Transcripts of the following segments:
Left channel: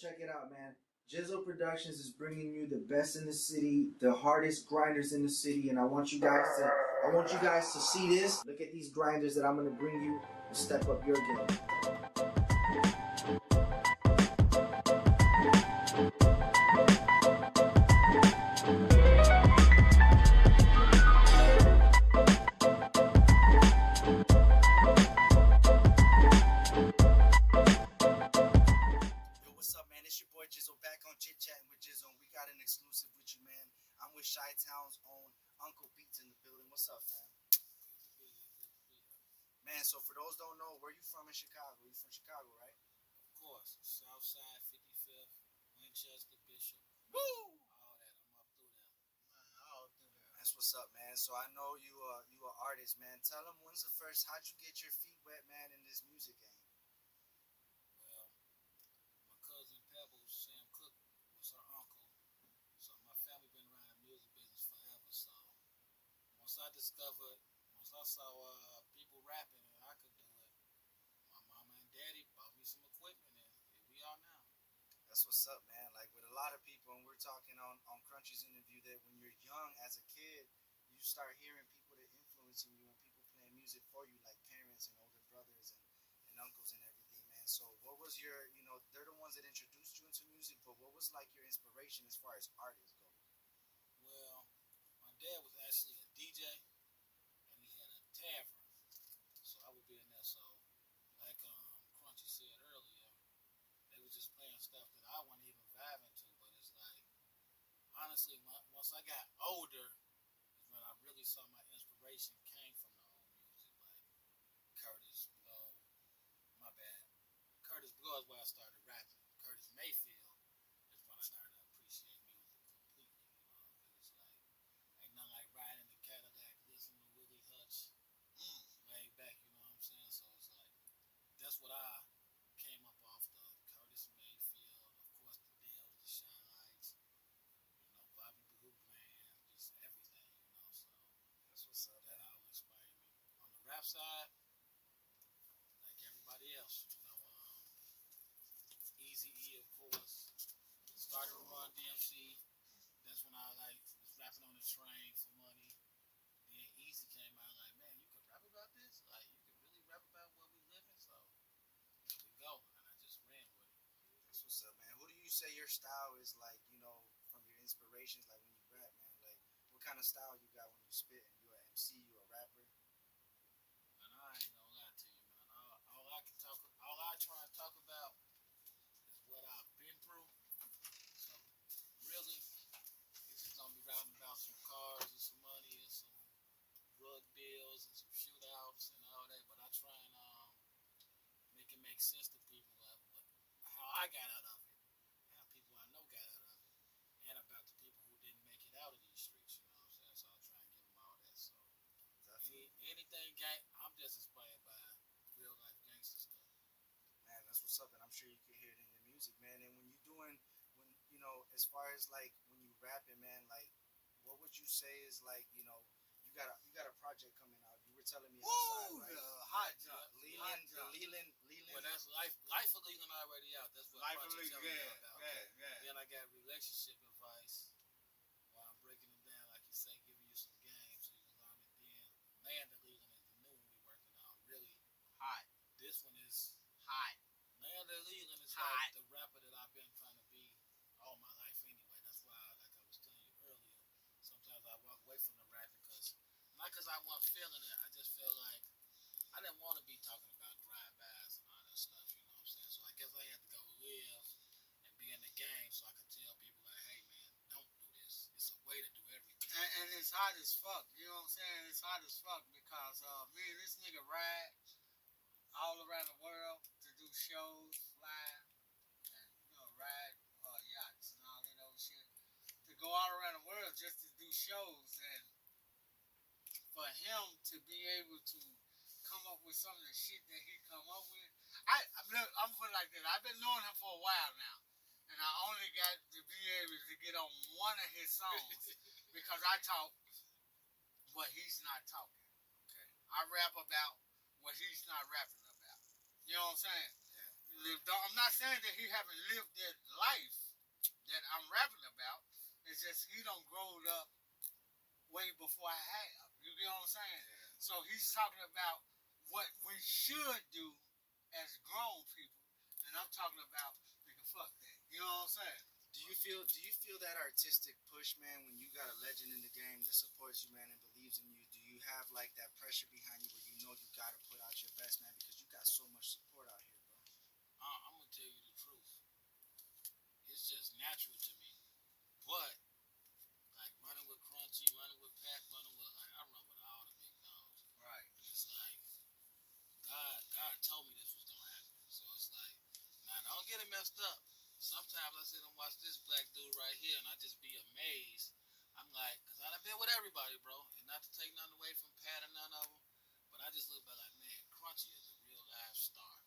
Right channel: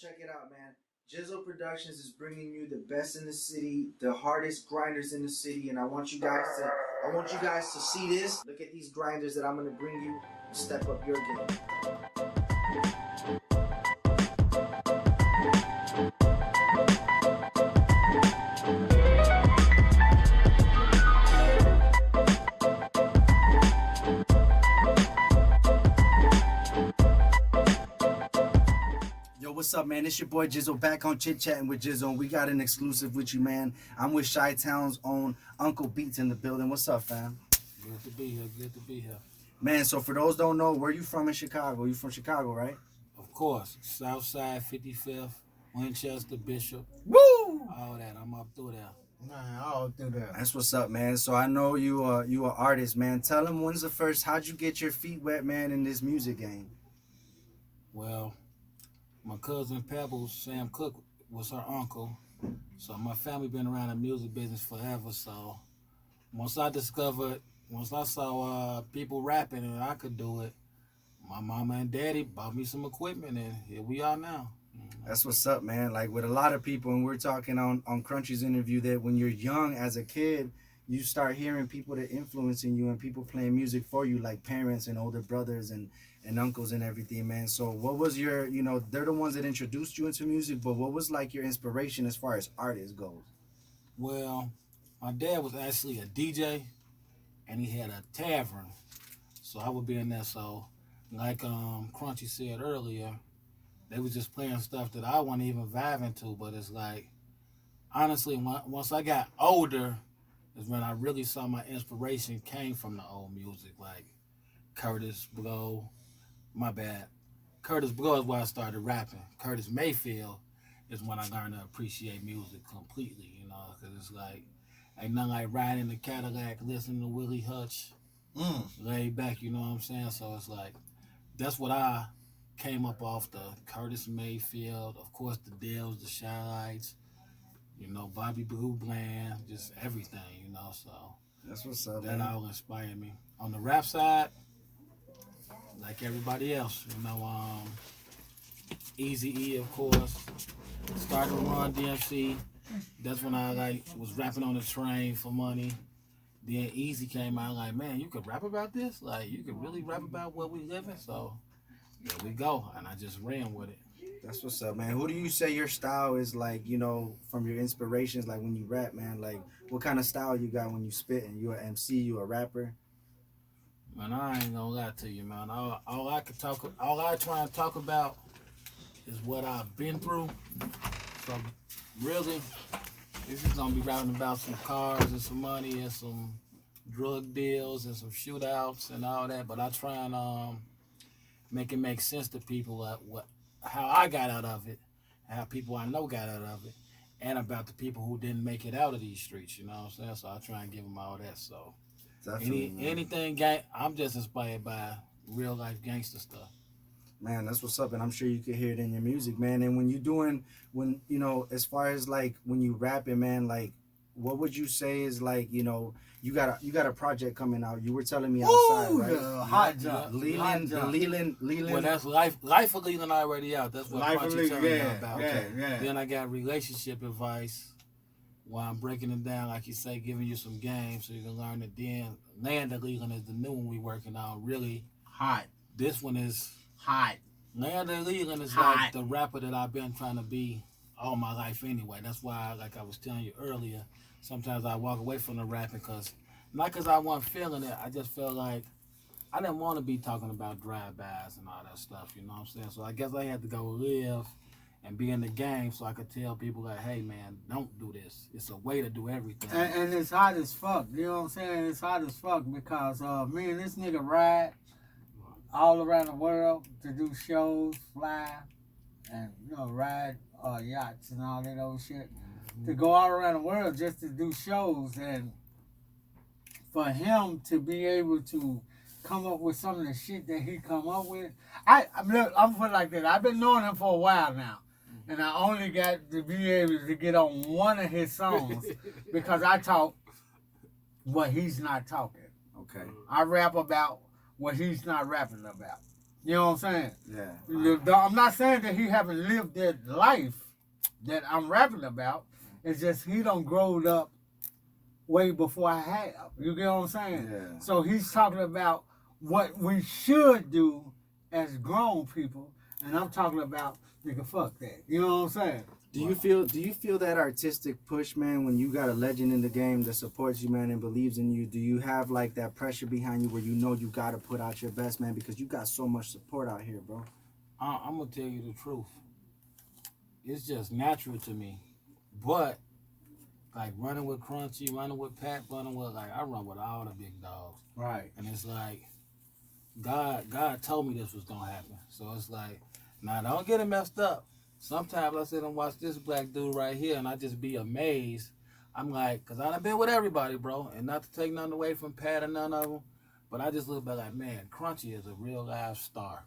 Check it out, man. Gizzo Productions is bringing you the best in the city, the hardest grinders in the city, and I want you guys to see this. Look at these grinders that I'm gonna bring you and step up your game. What's up, man? It's your boy Gizzo back on Chit Chattin with Gizzo. We got an exclusive with you, man. I'm with Chi-Town's own Uncle Beats in the building. What's up, fam? Good to be here. Good to be here. Man, so for those don't know, where you from in Chicago? You from Chicago, right? Of course. South Side, 55th, Winchester, Bishop. Woo! All that. I'm up through there. Man, all through there. That's what's up, man. So I know you an artist, man. Tell them how'd you get your feet wet, man, in this music game? Well, my cousin Pebbles, Sam Cook, was her uncle. So my family been around the music business forever. So once I saw people rapping and I could do it, my mama and daddy bought me some equipment and here we are now. That's what's up, man. Like with a lot of people, and we're talking on Crunchy's interview that when you're young as a kid, you start hearing people that influencing you and people playing music for you, like parents and older brothers and uncles and everything, man. So what was your, they're the ones that introduced you into music, but what was like your inspiration as far as artists goes? Well, my dad was actually a DJ and he had a tavern. So I would be in there. So like Crunchy said earlier, they was just playing stuff that I wasn't even vibing to, but it's like, honestly, once I got older is when I really saw my inspiration came from the old music, like Curtis Blow. My bad. Curtis Blow is where I started rapping. Curtis Mayfield is when I learned to appreciate music completely, because it's like, ain't nothing like riding in the Cadillac, listening to Willie Hutch, laid back, you know what I'm saying? So it's like, that's what I came up off the Curtis Mayfield, of course the Dells, the Shy-Lights, Bobby Blue Bland, just everything, so. That's what's up, that man. all inspired me. On the rap side, like everybody else, Eazy-E, of course, started to run DMC. That's when I was rapping on the train for money. Then Easy came out like, man, you could rap about this? Like, you could really rap about what we living? So, there we go. And I just ran with it. That's what's up, man. Who do you say your style is like, from your inspirations, like when you rap, man? Like, what kind of style you got when you spitting? You an MC, you a rapper? Man, I ain't gonna lie to you, man. All I try and talk about is what I've been through. So, really, this is gonna be rapping about some cars and some money and some drug deals and some shootouts and all that. But I try and make it make sense to people how I got out of it, how people I know got out of it, and about the people who didn't make it out of these streets. You know what I'm saying? So I try and give them all that. So anything I'm just inspired by real life gangster stuff. Man, that's what's up, and I'm sure you can hear it in your music, man. And as far as like when you rapping, man, like what would you say is like, you got a project coming out. You were telling me outside, right? Hot job. Leland. Well, that's Life of Leland already out. That's what Crunchy telling me about. Okay. Then I got relationship advice while I'm breaking it down, like you say, giving you some games so you can learn it. Then Land of Leland is the new one we working on. Really hot. This one is hot. Land of Leland is hot. Like the rapper that I've been trying to be all my life anyway. That's why, like I was telling you earlier, sometimes I walk away from the rapping not because I wasn't feeling it. I just felt like I didn't want to be talking about drive-bys and all that stuff, you know what I'm saying? So I guess I had to go live and be in the game so I could tell people like, hey, man, don't do this. It's a way to do everything. And it's hot as fuck, you know what I'm saying? It's hot as fuck because me and this nigga ride all around the world to do shows, fly, and, ride yachts and all that old shit. To go all around the world just to do shows, and for him to be able to come up with some of the shit that he come up with, I'm put it like that. I've been knowing him for a while now, and I only got to be able to get on one of his songs because I talk what he's not talking. Okay. I rap about what he's not rapping about. You know what I'm saying? Yeah. I'm not saying that he haven't lived that life that I'm rapping about. It's just he done growed up way before I have. You get what I'm saying? Yeah. So he's talking about what we should do as grown people, and I'm talking about nigga, fuck that. You know what I'm saying? Do you feel that artistic push, man, when you got a legend in the game that supports you, man, and believes in you? Do you have like that pressure behind you where you know you gotta put out your best, man, because you got so much support out here, bro? I'm gonna tell you the truth. It's just natural to me, but like running with Crunchy, running with Pat, running with like I run with all the big dogs, Right. and it's like God told me this was gonna happen. So it's like, now don't get it messed up. Sometimes I sit and watch this black dude right here, and I just be amazed. I'm like, cause I done been with everybody, bro, and not to take nothing away from Pat or none of them, but I just look back like, man, Crunchy is a real live star.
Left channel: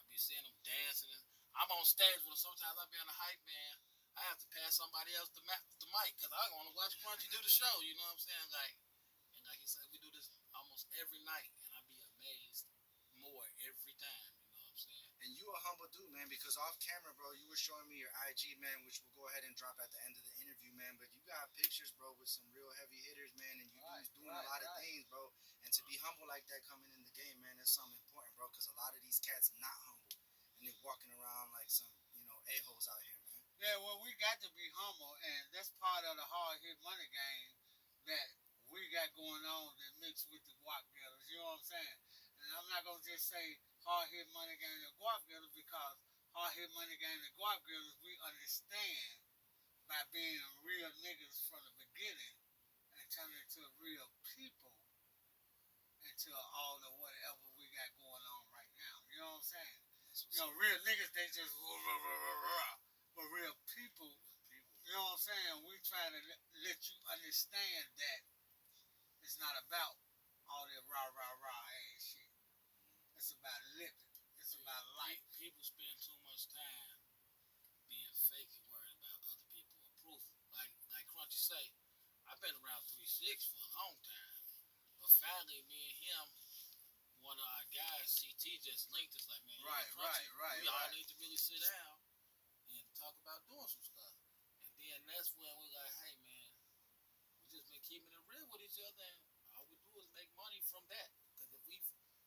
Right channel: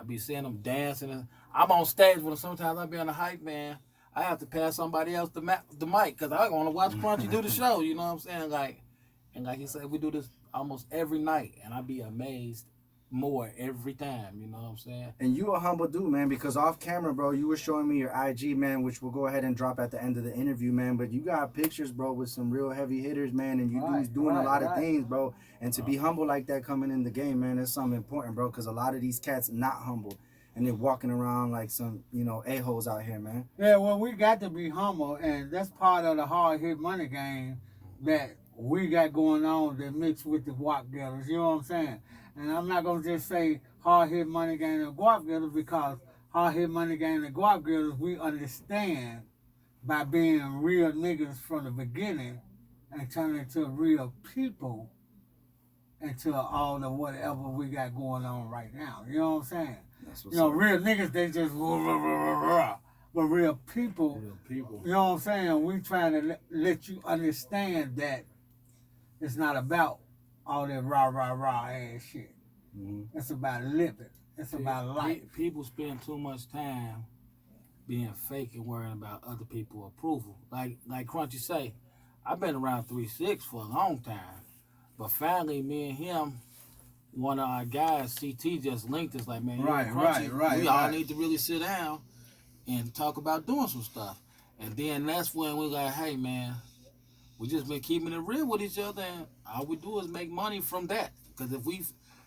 I be seeing him dancing, and I'm on stage with him. Sometimes I be on the hype man. I have to pass somebody else the mic because I want to watch Crunchy do the show. You know what I'm saying? Like, and like he said, we do this almost every night, and I be amazed more every time. You know what I'm saying? And you a humble dude, man, because off camera, bro, you were showing me your IG, man, which we'll go ahead and drop at the end of the interview, man. But you got pictures, bro, with some real heavy hitters, man, and you dudes doing a lot of things, bro. And to be humble like that coming in the game, man, that's something important, bro, because a lot of these cats not humble. And they're walking around like some, a-holes out here, man. Yeah, well, we got to be humble, and that's part of the hard hit money game that we got going on that mixed with the guap getters. You know what I'm saying? And I'm not gonna just say hard hit money game and guap getters because hard hit money game and guap getters we understand by being real niggas from the beginning and turning into real people into all the whatever we got going on right now. You know what I'm saying? Real niggas, they just but real people, you know what I'm saying? We trying to let you understand that it's not about all that rah ass shit. Mm-hmm. It's about living. It's about life. People spend too much time being fake and worrying about other people's approval. Like Crunchy say, I've been around 3-6 for a long time, but finally, me and him. One of our guys, CT, just linked us like, man, we all need to really sit down and talk about doing some stuff. And then that's when we like, hey, man, we just been keeping it real with each other, and all we do is make money from that. Because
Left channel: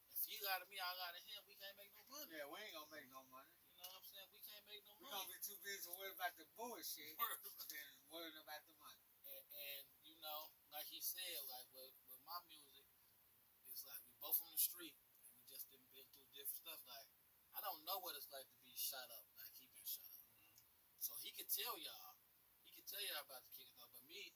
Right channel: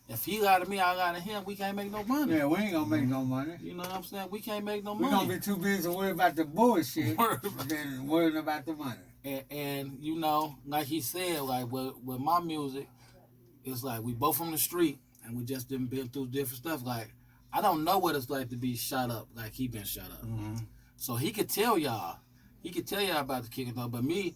if he lie to me, I lie to him, we can't make no money. Yeah, we ain't gonna make no money. You know what I'm saying? We can't make no money. We're gonna be too busy worrying about the bullshit than worrying about the money. And like he said, like with my music, it's like we both from the street and we just been through different stuff. Like, I don't know what it's like to be shot up like he been shot up. Mm-hmm. So he could tell y'all about the kicking up. But me,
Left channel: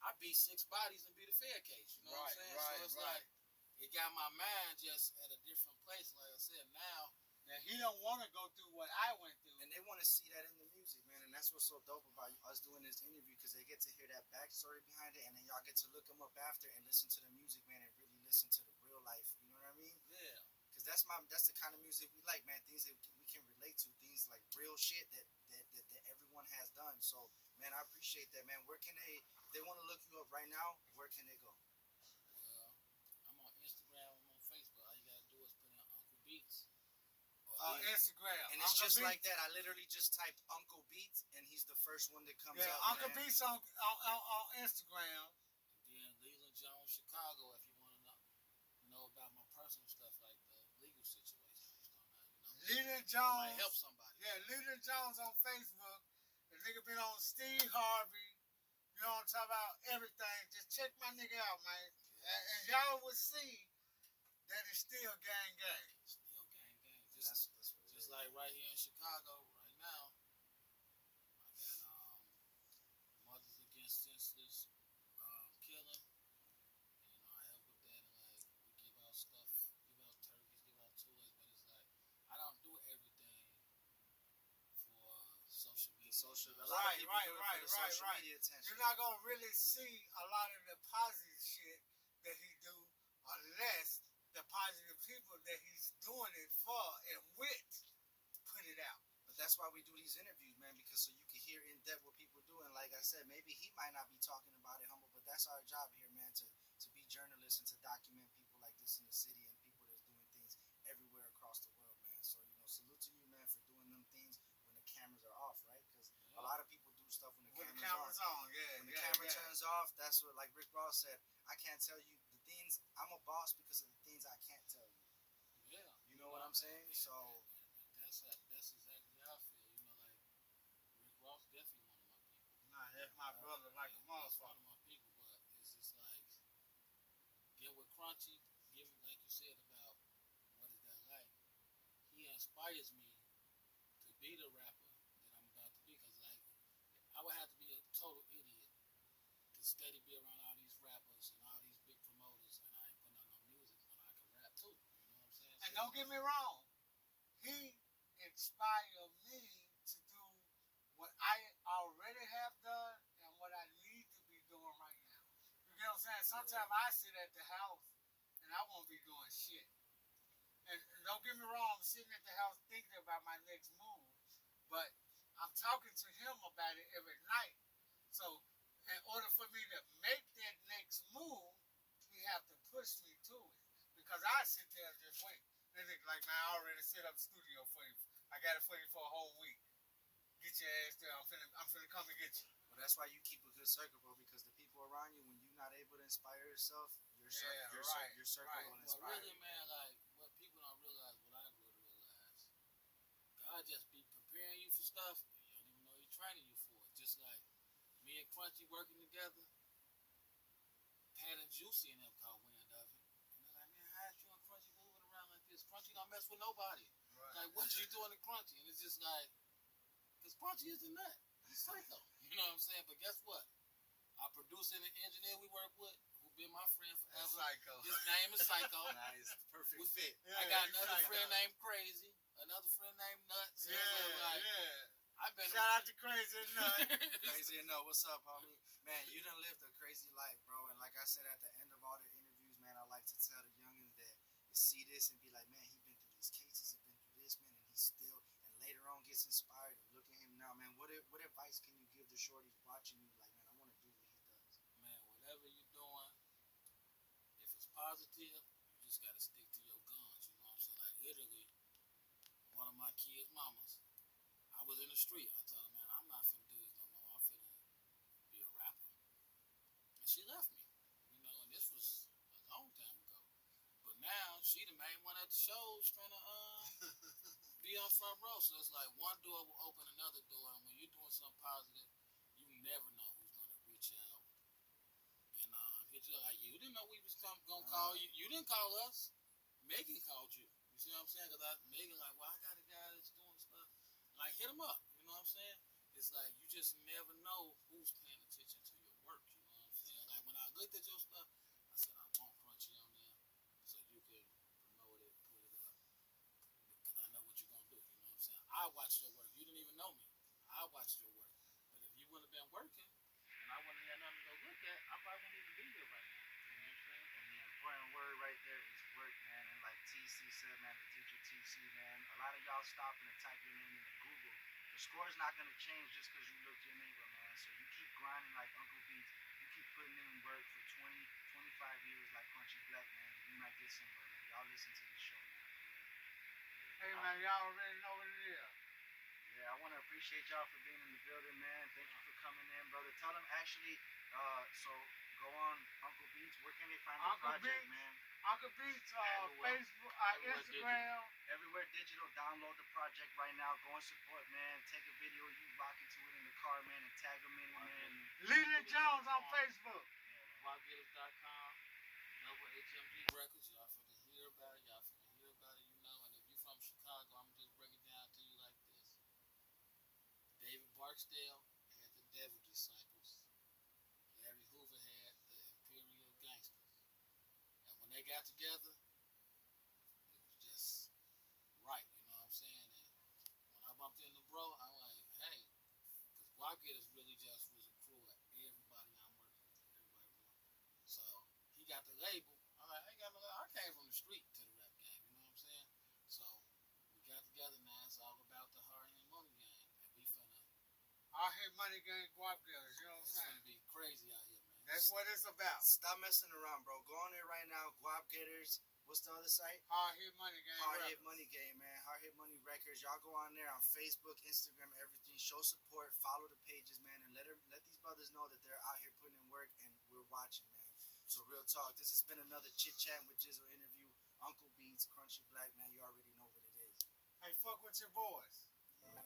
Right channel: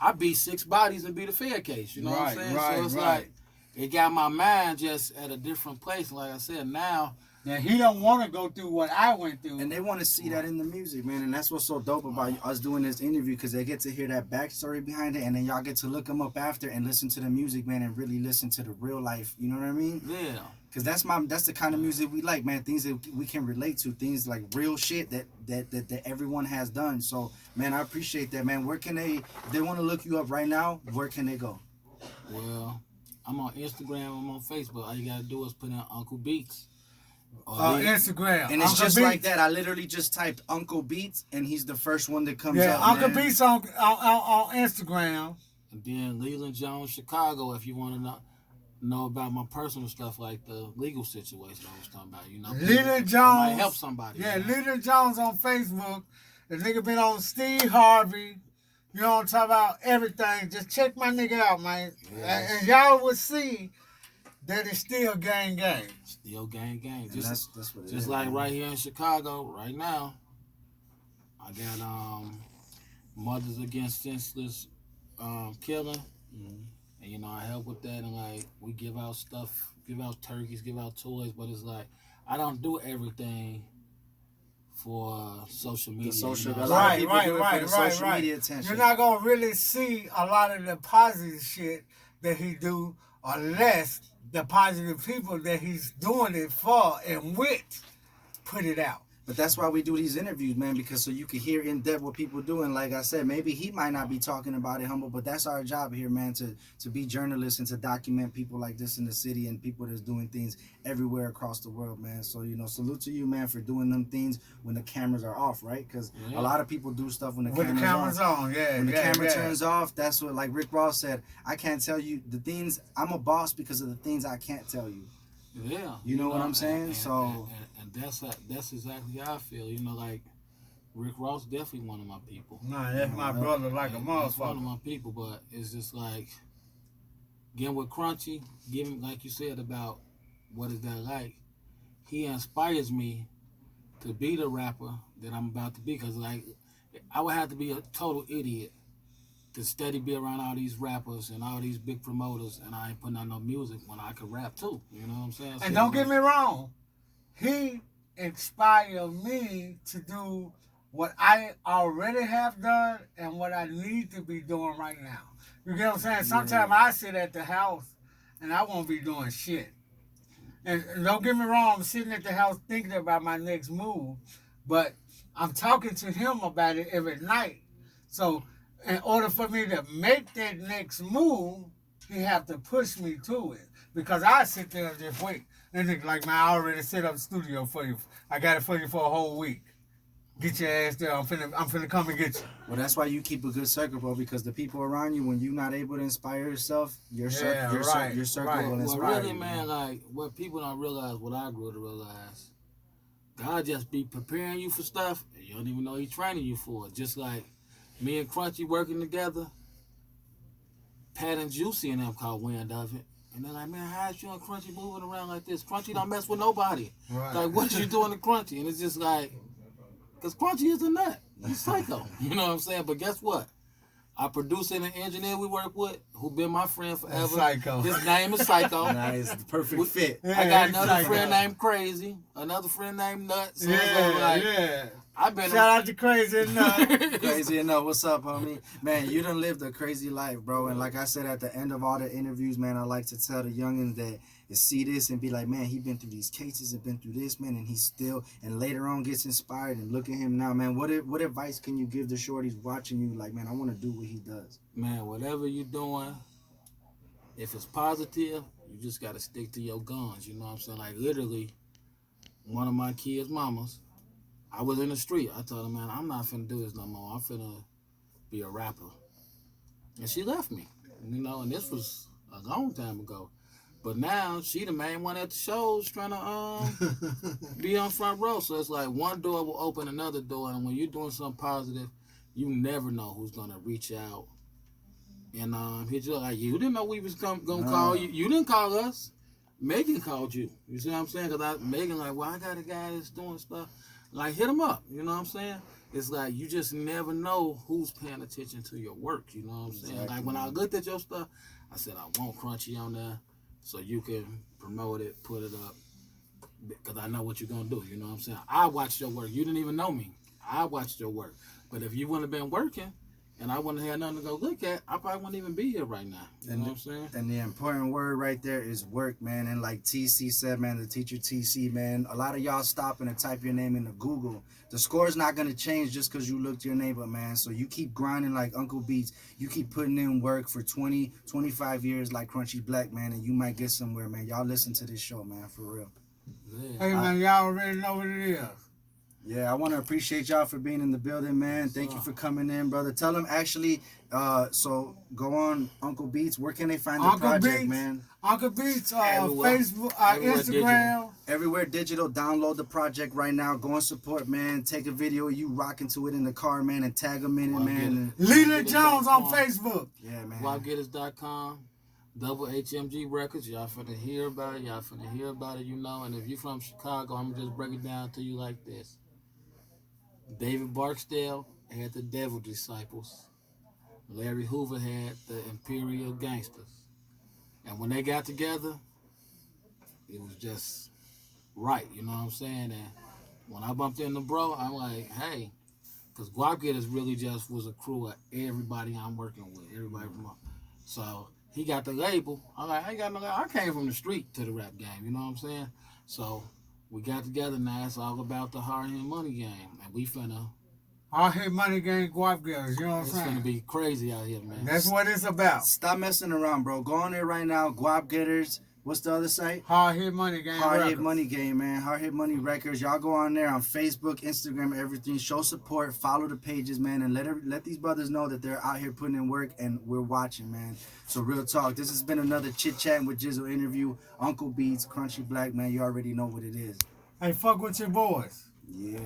I beat 6 bodies and beat a fair case. You know what I'm saying? So it's like, it got my mind just at a different place. Like I said, now he don't want to go through what I went through. And they want to see that in the music, man. And that's what's so dope about us doing this interview, because they get to hear that backstory behind it, and then y'all get to look them up after and listen to the music, man, and really listen to the real life. You know what I mean? Yeah. Because that's the kind of music we like, man. Things that we can relate to, things like real shit that everyone has done. So, man, I appreciate that, man. Where can if they want to look you up right now, where can they go? Well, I'm on Instagram, I'm on Facebook. All you gotta do is put in Uncle Beats. Instagram. And it's Uncle just Beats. Like that. I literally just typed Uncle Beats, and he's the first one that comes up. Yeah, Uncle Beats on Instagram. And then Leland Jones, Chicago, if you want to know about my personal stuff, like the legal situation I was talking about. Leland Jones. Might help somebody. Yeah, Leland Jones on Facebook. The nigga been on Steve Harvey. You know what I'm talking about? Everything. Just check my nigga out, man. Yes. And y'all would see that it's still gang. Still gang. That's what it just is, like man. Right here in Chicago, right now, I got Mothers Against Senseless Killing. Mm-hmm. And I help with that, and like we give out stuff, give out turkeys, give out toys, but it's like I don't do everything for social media. Right. Media attention. You're not gonna really see a lot of the positive shit that he do, unless the positive people that he's doing it for and with put it out. But that's why we do these interviews, man, because so you can hear in depth what people do. And like I said, maybe he might not be talking about it, humble, but that's our job here, man, to be journalists and to document people like this in the city and people that's doing things everywhere across the world, man. So, you know, salute to you, man, for doing them things when the cameras are off, right? Because a lot of people do stuff when the camera's on. Yeah, when the camera turns off, that's what, like Rick Ross said, I can't tell you the things, I'm a boss because of the things I can't tell you. Yeah. You know what I'm saying? And that's exactly how I feel. You know, like Rick Ross definitely one of my people. Nah, that's my brother like a motherfucker. One of my people, but it's just like getting with Crunchy, giving like you said about what is that like. He inspires me to be the rapper that I'm about to be, because like I would have to be a total idiot to steady be around all these rappers and all these big promoters, and I ain't putting out no music when I could rap too. You know what I'm saying? And so, don't get me wrong, he inspired me to do what I already have done and what I need to be doing right now. You get what I'm saying? Sometimes I sit at the house and I won't be doing shit. And don't get me wrong, I'm sitting at the house thinking about my next move, but I'm talking to him about it every night. So in order for me to make that next move, he have to push me to it. Because I sit there and just wait. And nigga like, man, I already set up the studio for you. I got it for you for a whole week. Get your ass there. I'm finna come and get you. Well, that's why you keep a good circle, bro, because the people around you, when you're not able to inspire yourself, your circle will inspire well, really, you. man, like, what people don't realize, what I grew to realize, God just be preparing you for stuff, and you don't even know He's training you for it. Just like me and Crunchy working together, Pat and Juicy and them caught wind of it. And they're like, man, how is you and Crunchy moving around like this? Crunchy don't mess with nobody. Right. Like, what you doing to Crunchy? And it's just like, because Crunchy is a nut. He's psycho. You know what I'm saying? But guess what? Our producer and the engineer we work with, who been my friend forever. Psycho. His name is Psycho. Nice, the perfect fit. Yeah, I got he's another psycho. friend named Crazy, another friend named Nuts. So Yeah. I've been Shout out to Crazy Enough. Crazy enough. What's up, homie? Man, you done lived a crazy life, bro. And like I said at the end of all the interviews, man, I like to tell the youngins that see this and be like, man, he been through these cases and been through this, man, and he's still, and later on gets inspired. And look at him now, man. What advice can you give the shorties watching you? Like, man, I want to do what he does. Man, whatever you're doing, if it's positive, you just got to stick to your guns. You know what I'm saying? Like, literally, one of my kids' mamas, I was in the street. I told her, man, I'm not finna do this no more. I'm finna be a rapper. And she left me, you know, and this was a long time ago. But now she the main one at the shows trying to be on front row. So it's like one door will open another door, and when you're doing something positive, you never know who's gonna reach out. And hit you like, you didn't know we was gonna call you. You didn't call us. Megan called you. You see what I'm saying? Because Megan like, well, I got a guy that's doing stuff. Like, hit him up. You know what I'm saying? It's like you just never know who's paying attention to your work. You know what I'm saying? Exactly. Like when I looked at your stuff, I said I want Crunchy on there so you can promote it, put it up, because I know what you're gonna do. You know what I'm saying? I watched your work. You didn't even know me. I watched your work. But if you wouldn't have been working, and I wouldn't have had nothing to go look at, I probably wouldn't even be here right now. You know what I'm saying? And the important word right there is work, man. And like TC said, man, the teacher TC, man, a lot of y'all stopping to type your name into Google. The score's not going to change just because you looked your neighbor, man. So you keep grinding like Uncle Beats. You keep putting in work for 20, 25 years like Crunchy Black, man, and you might get somewhere, man. Y'all listen to this show, man, for real. Yeah. Hey, man, y'all already know what it is. Yeah, I want to appreciate y'all for being in the building, man. Thank you for coming in, brother. Tell them actually, so go on Uncle Beats. Where can they find the project, Beats, man? Uncle Beats, Everywhere. Facebook, Everywhere Instagram. digital. Everywhere digital. Download the project right now. Go and support, man. Take a video of you rocking to it in the car, man, and tag them in it, man. Leland Jones on Facebook. Yeah, man. WildGetters.com. Double HMG Records. Y'all finna hear about it. Y'all finna hear about it, you know. And if you're from Chicago, I'm gonna just break it down to you like this. David Barksdale had the Devil Disciples. Larry Hoover had the Imperial Gangsters. And when they got together, it was just right, you know what I'm saying? And when I bumped into bro, I'm like, hey, because Guap Getters really just was a crew of everybody I'm working with, everybody from up. So he got the label. I'm like, I ain't got no label. I came from the street to the rap game, you know what I'm saying? So we got together now. It's all about the hard hit money game, and we finna. All hit money game guap getters, you know what I'm It's saying? finna be crazy out here, man. That's what it's about. Stop messing around, bro. Go on there right now. Guap Getters. What's the other site? Hard hit money game. Hard Hit records. Money Game, man. Hard Hit Money Records. Y'all go on there on Facebook, Instagram, everything. Show support. Follow the pages, man, and let these brothers know that they're out here putting in work and we're watching, man. So real talk. This has been another Chit Chattin with Gizzo interview. Uncle Beats, Crunchy Black, man. You already know what it is. Hey, fuck with your boys. Yeah.